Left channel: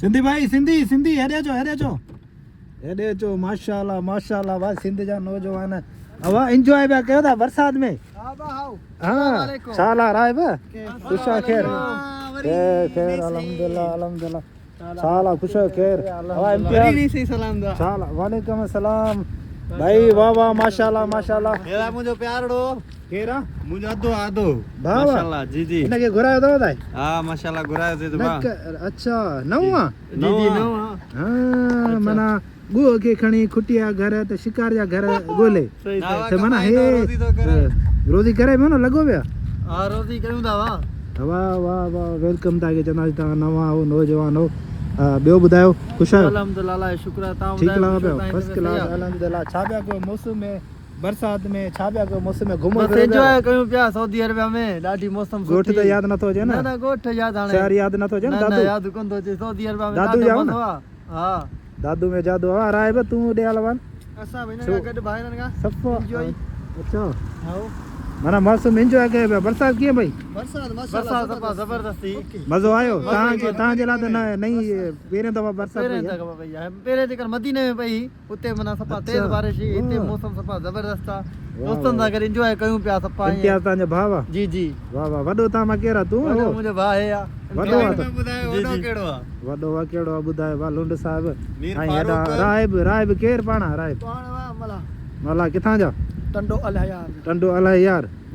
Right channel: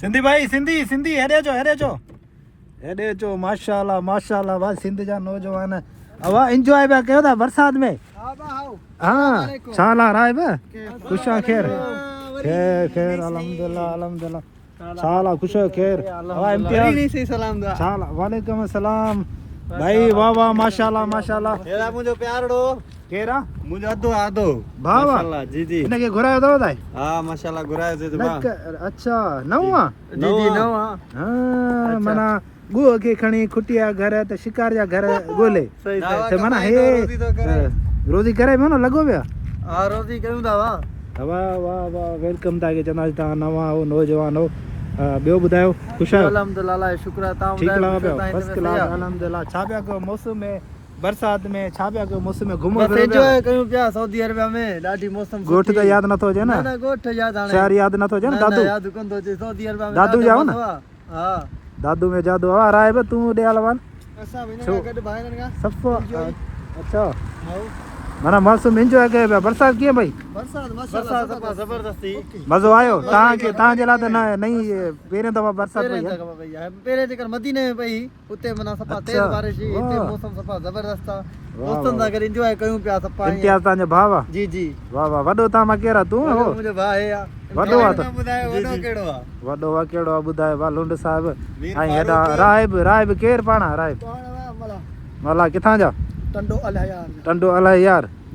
सिंधी भाई सिंधी सिंधी हेॾे अचो माशाल्लाह माशाल्लाह भाई सिंध जा नौजवान हवा एंजॉय पिया कयो था बरसात में हाँ साला राय बे खुशा खैर खैर अल्हम्दुलिल्लाह अल्हम्दुलिल्लाह साला खुशा खैर वरी नहीं सही सलाम दा साला वालेकुम अस्सलाम भाई वाह वाह माशाल्लाह माशाल्लाह हेरा मुंहिंजो प्यारो केरा मुंहिंजो अधो आधो भाउ माशाल्लाह जी जी इनके घुरायो अथव दाई हा माशाल्लाह घुरायो ते बा अच्छा नवा जी जी नवा हाँ माना गुह के खणी खुटिया घर त शिकार जा घर गोले सही त माना हे रोजी करे में न लगो पिया हा रोजी कयूं था वाह वाह वाह वाह वेलकम ताके चंदासी तव्हां नवां हो नौजवान हो ॿियो ॿुधायो ख़ुशि आहियो अल्हम्दुलिल्लाह अल्लाह जो शुक्र आहे तव्हां ठीकु ॿुधायो लॻो पियो तव्हां फर्स्ट हिते क्लास सही आहे? अल्हम्दुलिल्लाह छा पिया कयो मौसम में बरसात में छा पिया कयो मौसम में घुमो बस एंजॉय कयूं पिया सऊदी अरबिया में ॾाढी मौसम गोठ त यादि नथो अचे ना न ना गोठ याद हाणे शहर यादि नथो अचे न दादू याद कोन थो अचे सऊदी अरबिया में दादू ॾाढो जाओ न? मज़ो आहे। हा दादू में जादू हा राय बे तूं ॾे हलवान असां वञा गॾु भाइरनि खां सभु Enjoy. अच्छा आओ माना मौसम एंजॉय कयो पिया बरसात कीअं भई बरसात सफ़ा ज़बरदस्ती मज़ो आयो तव्हांजे लाइ त न नई पहिरियों दफ़ा बरसात पहिरें पई आहे जगह पई आहे पहिरें जेकर मदीने में पई उते माना सफ़ा तेज़ अच्छा। बारिश हुई हिते वाह। मौसम सफ़ा ज़बरदस्त आहे वाह, दोस्तनि सां गॾु एंजॉय कयूं पिया सफ़ा ईअं। इम्तियाज़ तव्हांजो भाउ आहे जी जी वाह वाह वॾो तव्हां मां केरु आहे तूं वॾो हो मुंहिंजो भाउ आहे वॾो आहे त ॿुधायो जी, वॾो जी। कहिड़ो आहे वॾो आहे कहिड़ो आहे ॿुधाए वाह लुंड साहिब मीर ऐं हेॾा फारूक। राहिब केरु पाण राहिब पाण वाह मला मला किथां जा टंडो अलाह यार टंडो अलाए यार